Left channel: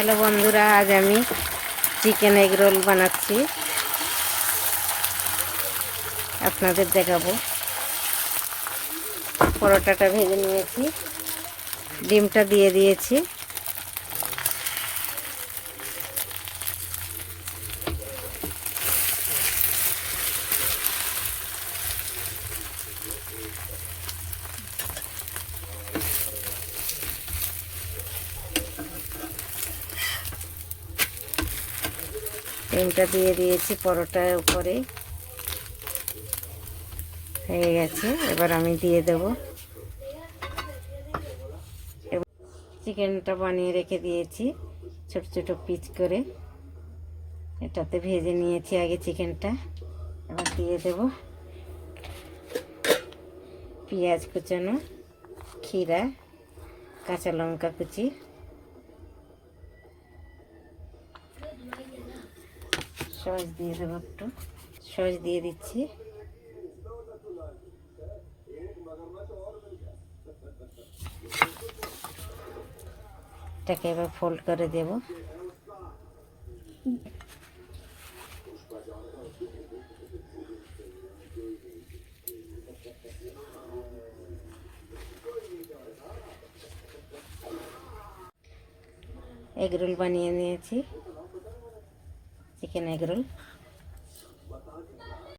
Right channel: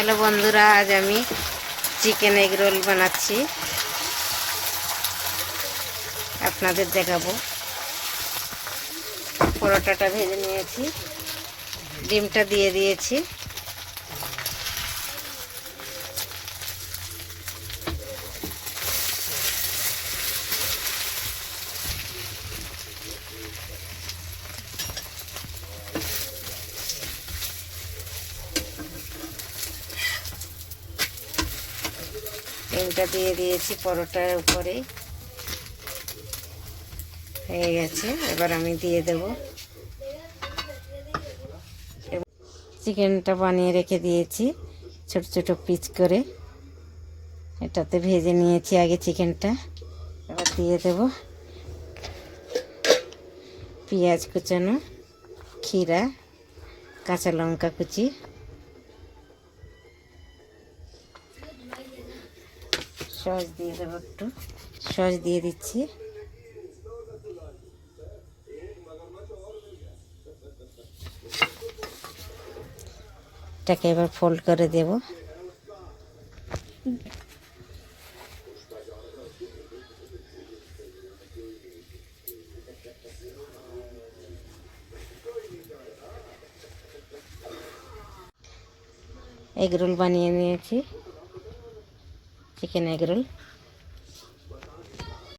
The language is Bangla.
হ্যালো বন্ধুরা, আজ আমি চিকেন এগ রোল বানাচ্ছি, আপনাদের দেখাবো। পরোটাটা ভেজে নিয়েছি, ডিমটা দিয়ে দিয়েছি, ডিমটা দিয়ে দিয়েছি পরোটার উপরে, হয়ে গেছে। এবার আমি দিয়ে দেব। চিকেনটা বানিয়ে রেখে দিয়েছি ছোট ছোট পিস করে, এটাতে ভেজে নিয়েছি আগে চিকেনটা। এবার দিয়ে দেব পেঁয়াজ কুচানো, ক্ষীরা, কাঁচা লঙ্কা কুচি, সস দিয়ে দেবো, একটু সস দিয়ে দিচ্ছি। এটাকে এবার ফোল্ড করে দেব। এগ রোল বানিয়ে নিয়েছি, চিকেন এগ রোল।